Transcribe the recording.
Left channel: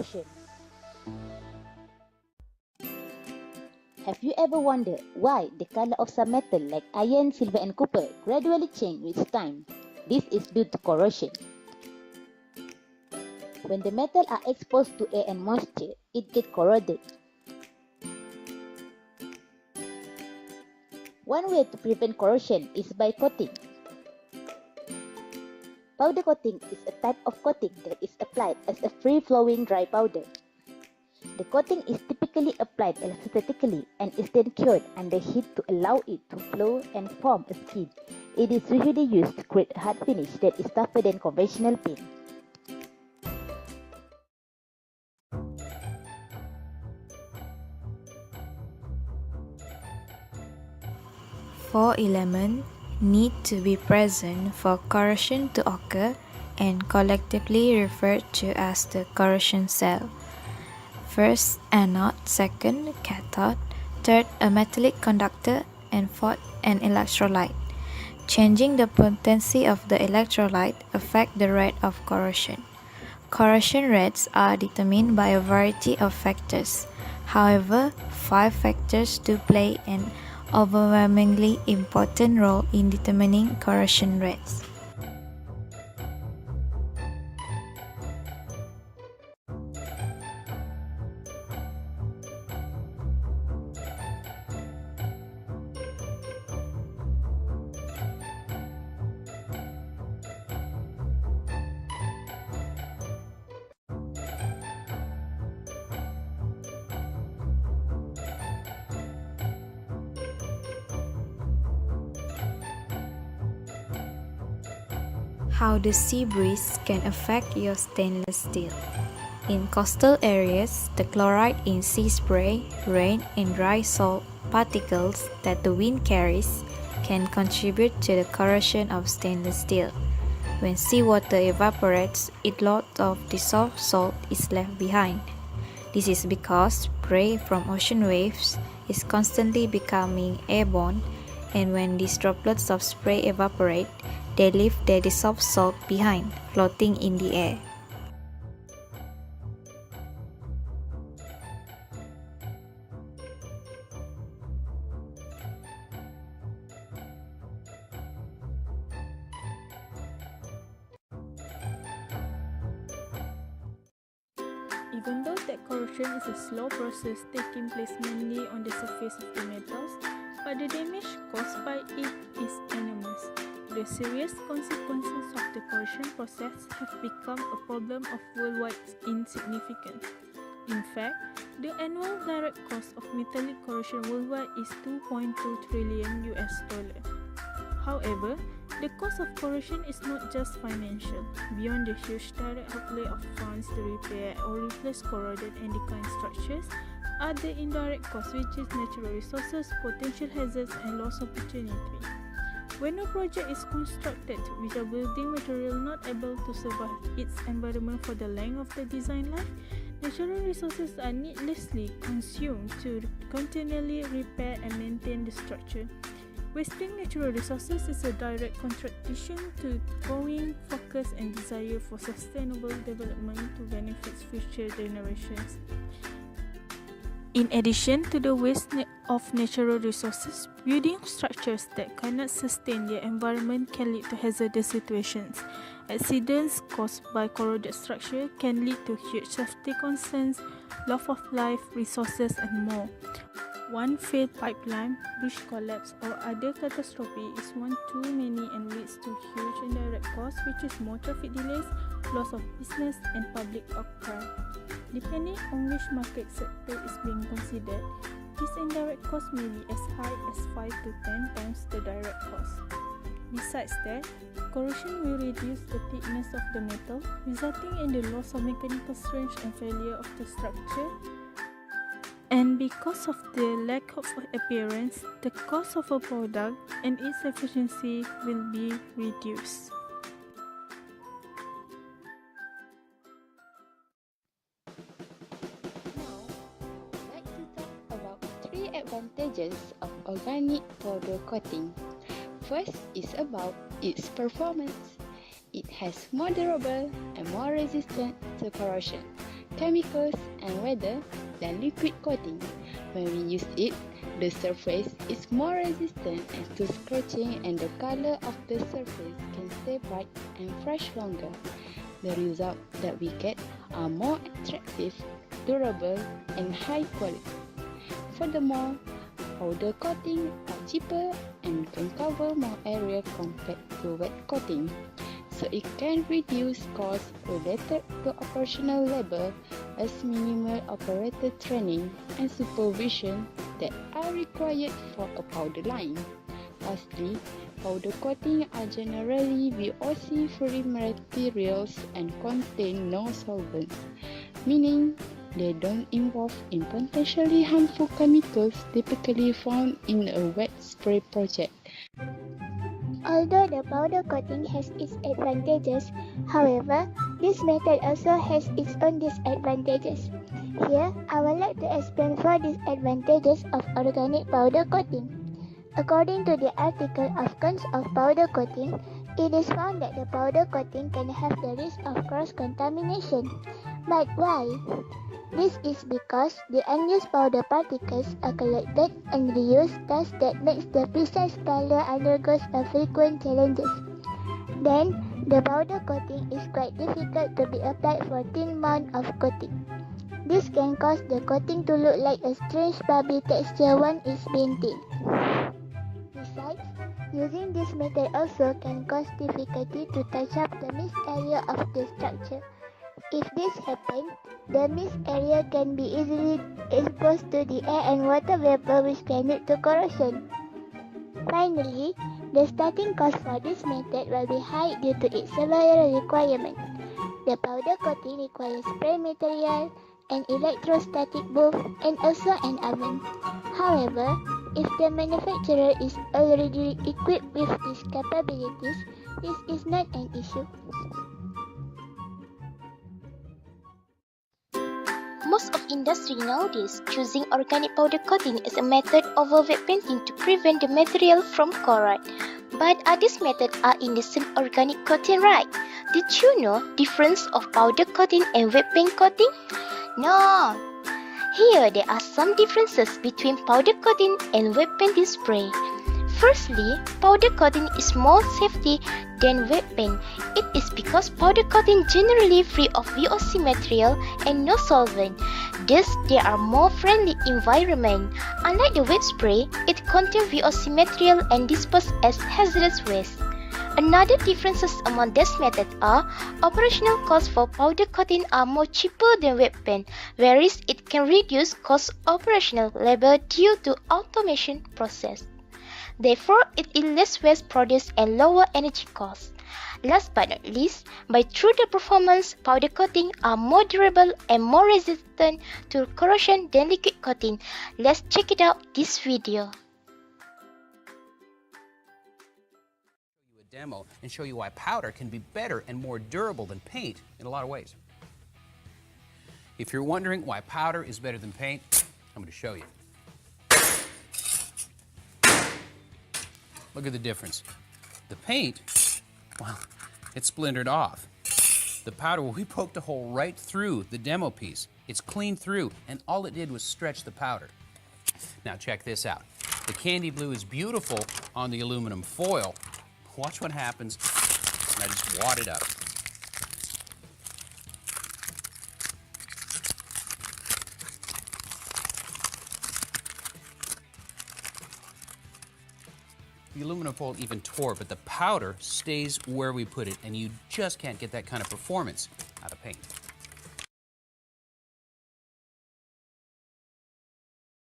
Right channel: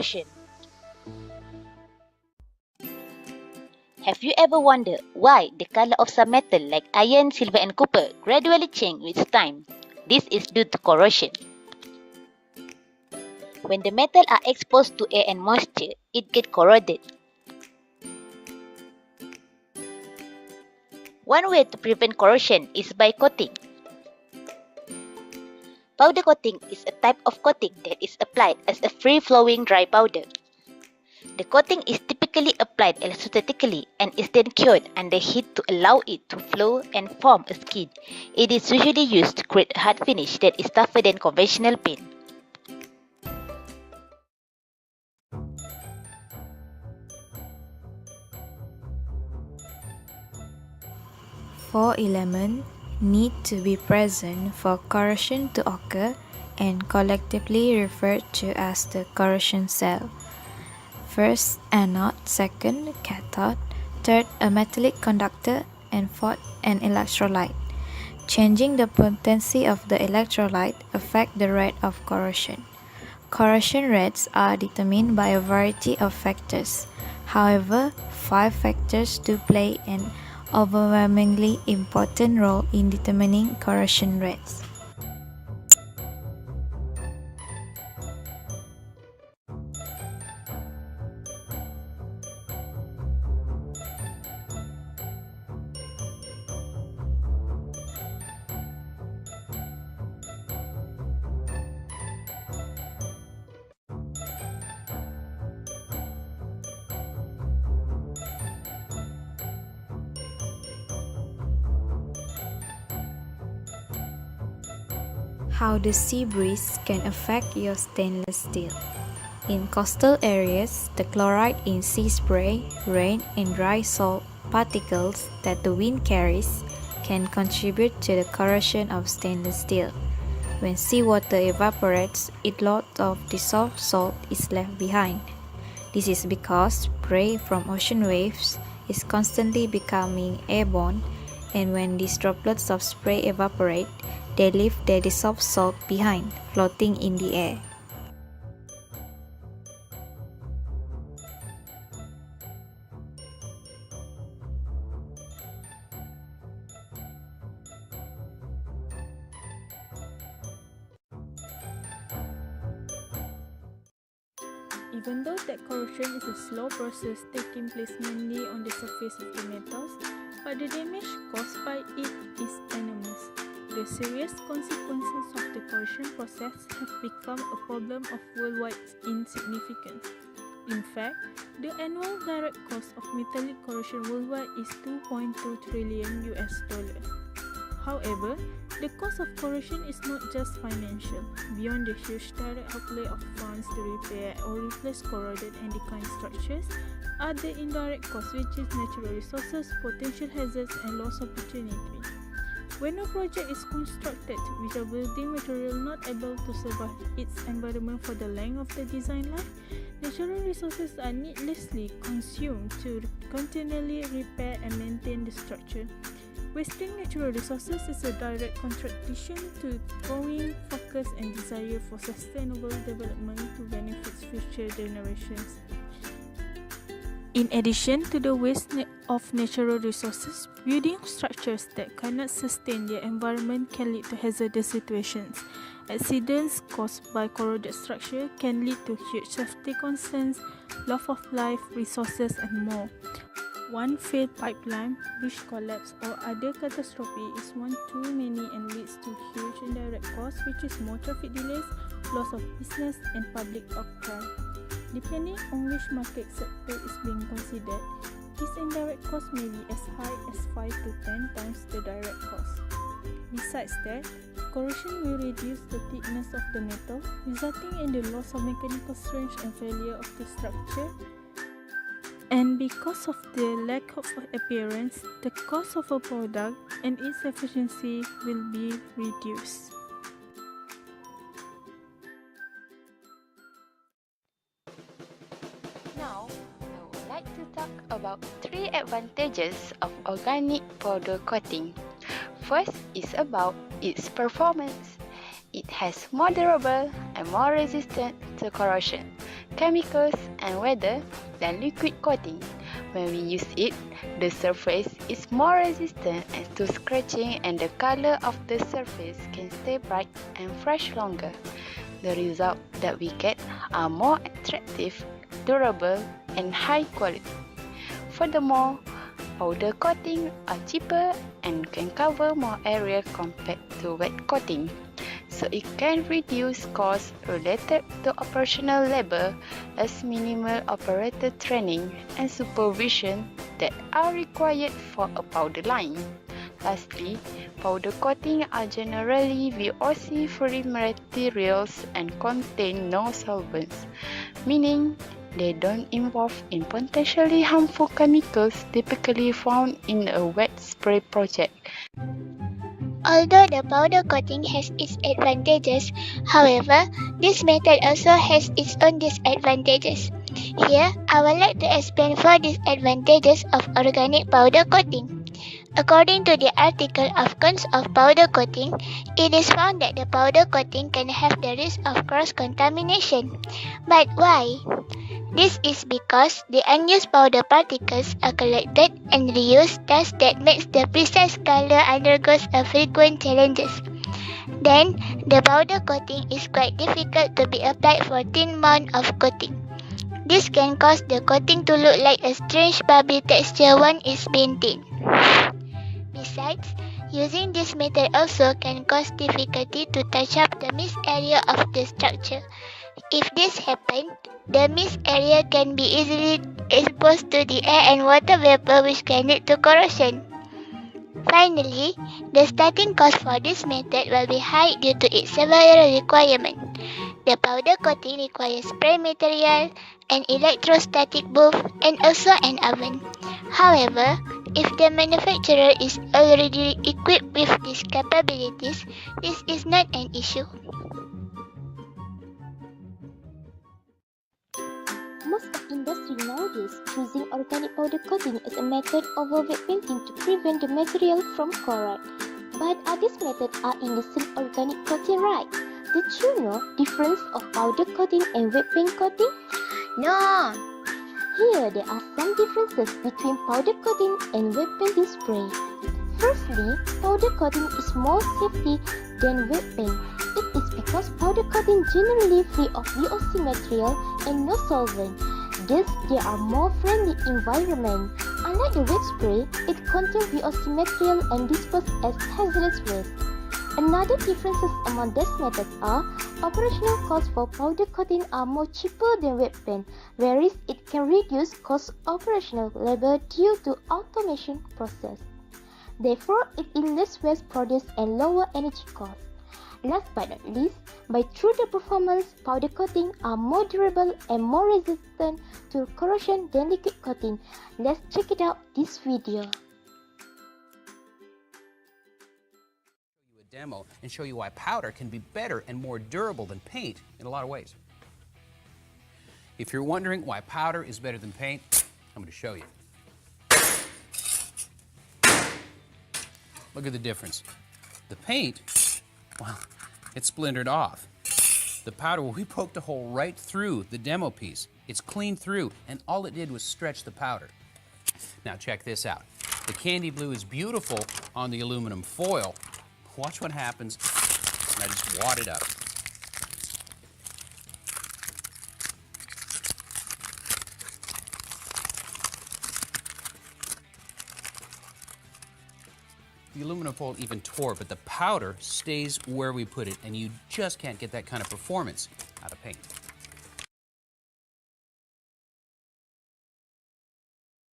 Corrosion. Have you ever wondered why the color of some metal like iron, silver and copper gradually change with time? This is due to corrosion. When the metal are exposed to air and moisture, it gets corroded. One way to prevent corrosion is by coating. Powder coating is a type of coating that is applied as a free-flowing dry powder. The coating is typically applied electrostatically and is then cured under heat to allow it to flow and form a skin. It is usually used to create a hard finish that is tougher than conventional paint. Four elements need to be present for corrosion to occur and collectively referred to as the corrosion cell. First, anode, second, cathode, third, a metallic conductor, and fourth, an electrolyte. Changing the potency of the electrolyte affects the rate of corrosion. Corrosion rates are determined by a variety of factors. However, 5 factors do play an overwhelmingly important role in determining corrosion rates. How the sea breeze can affect your stainless steel. In coastal areas, the chloride in sea spray, rain, and dry salt particles that the wind carries can contribute to the corrosion of stainless steel. When seawater evaporates, a lot of dissolved salt is left behind. This is because spray from ocean waves is constantly becoming airborne, and when these droplets of spray evaporate, they leave their dissolved salt behind, floating in the air. Even though that corrosion is a slow process taking place mainly on the surface of the metals, but the damage caused by it is enormous. The serious consequences of the corrosion process have become a problem of worldwide insignificance. In fact, the annual direct cost of metallic corrosion worldwide is $2.2 trillion. However, the cost of corrosion is not just financial. Beyond the huge direct outlay of funds to repair or replace corroded and decaying structures, are the indirect costs, which is natural resources, potential hazards, and lost opportunity. When a project is constructed with a building material not able to survive its environment for the length of the design life, natural resources are needlessly consumed to continually repair and maintain the structure. Wasting natural resources is a direct contradiction to growing focus and desire for sustainable development to benefit future generations. In addition to the waste of natural resources, building structures that cannot sustain their environment can lead to hazardous situations. Accidents caused by corroded structure can lead to huge safety concerns, loss of life, resources, and more. One failed pipeline, bridge collapse, or other catastrophe is one too many and leads to huge indirect costs, which is more traffic delays, loss of business, and public outcry. Depending on which market sector is being considered, this indirect cost may be as high as 5 to 10 times the direct cost. Besides that, corrosion will reduce the thickness of the metal, resulting in the loss of mechanical strength and failure of the structure. And because of the lack of appearance, the cost of a product and its efficiency will be reduced. Now, I would like to talk about 3 advantages of organic powder coating. First is about its performance. It has more durable and more resistant to corrosion chemicals and weather than liquid coating. When we use it, the surface is more resistant to scratching and the color of the surface can stay bright and fresh longer. The result that we get are more attractive, durable, and high quality. Furthermore, powder coating are cheaper and can cover more area compared to wet coating, so it can reduce costs related to operational labor as minimal operator training and supervision that are required for a powder line. Lastly, powder coating are generally VOC-free materials and contain no solvents, meaning they don't involve in potentially harmful chemicals typically found in a wet spray project. Although the powder coating has its advantages, however, this method also has its own disadvantages. Here, I would like to explain 4 disadvantages of organic powder coating. According to the article of Cons of Powder Coating, it is found that the powder coating can have the risk of cross-contamination. But why? This is because the unused powder particles are collected and reused, thus that makes the precise color undergoes a frequent challenges. Then, the powder coating is quite difficult to be applied for thin amount of coating. This can cause the coating to look like a strange bubbly texture once it's been thin. Besides, using this method also can cause difficulty to touch up the mist area of the structure. If this happens, the mist area can be easily exposed to the air and water vapor, which can lead to corrosion. Finally, the starting cost for this method will be high due to its several requirements. The powder coating requires spray material, an electrostatic booth, and also an oven. However, if the manufacturer is already equipped with these capabilities, this is not an issue. Most of industry nowadays choosing organic powder coating as a method over wet painting to prevent the material from corrode. But these methods are indecent organic coating, right? Did you know difference of powder coating and wet paint coating? No! Here there are some differences between powder coating and wet painting spray. Firstly, powder coating is more safety than wet paint. It is because powder coating generally free of VOC material and no solvent. Thus, they are more friendly environment. Unlike the wet spray, it contains VOC material and disposed as hazardous waste. Another differences among these methods are operational costs for powder coating are more cheaper than wet paint, whereas it can reduce cost operational labor due to automation process. Therefore, it is less waste produced and lower energy costs. Last but not least, by through the performance, powder coating are more durable and more resistant to corrosion than liquid coating. Let's check it out this video. Demo and show you why powder can be better and more durable than paint in a lot of ways. If you're wondering why powder is better than paint, I'm going to show you. Look at the difference. The paint, well, it's splintered off. The powder, well, we poked a hole right through the demo piece. It's clean through, and all it did was stretch the powder. Now check this out. The candy blue is beautiful on the aluminum foil. Watch what happens when I just wad it up. The aluminum foil even tore, but the powder stays where we put it, and you just can't get that kind of performance out of paint.